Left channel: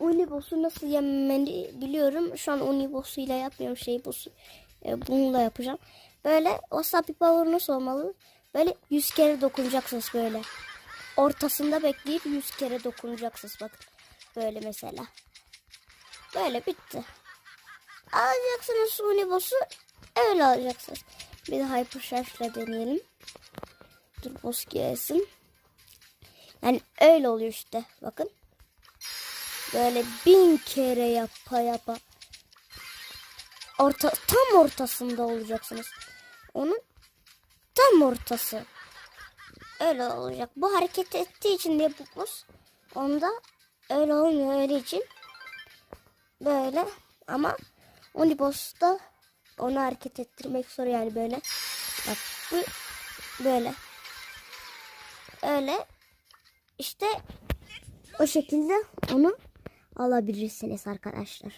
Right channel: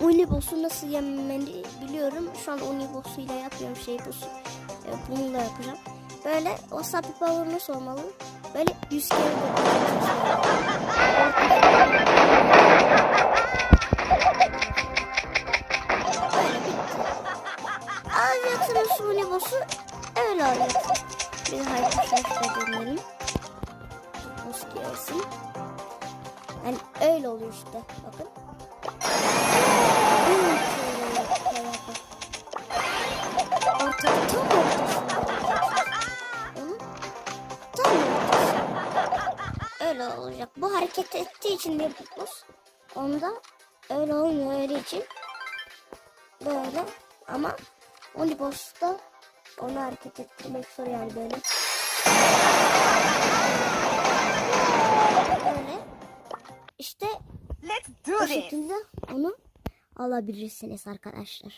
Uniboss'u nasıl yenmeni biliyorum. Şu an Uniboss'uyla yapıyorum şey bu. E, bununla yapacağım. Böyle o Sapi Power nasıl olmalı? Böyle 100 kere dokunacaksınız böyle. Ortasında bekleyip 100 kere dokunacaksınız. Böyle mesela. Böyle bitti. Alacaksınız Uniboss'u öyle alacaksınız. Bir de Hypercharge'da deneyelim. Dur boss gelsin. Yani öyle oluyor işte. Bakın. Orta, tam ortasında olacaksınız. Onun tam ortası. Öyle olacak. Bu hareket ettiği için bir pupus. Onda öyle olmuyor öyle için. Böyle ama Uniboss'ta onu hareket ettirmek zor yani böyle. Böyle. Öyle. İşte o şekilde onu alabilirsiniz arkadaşlar.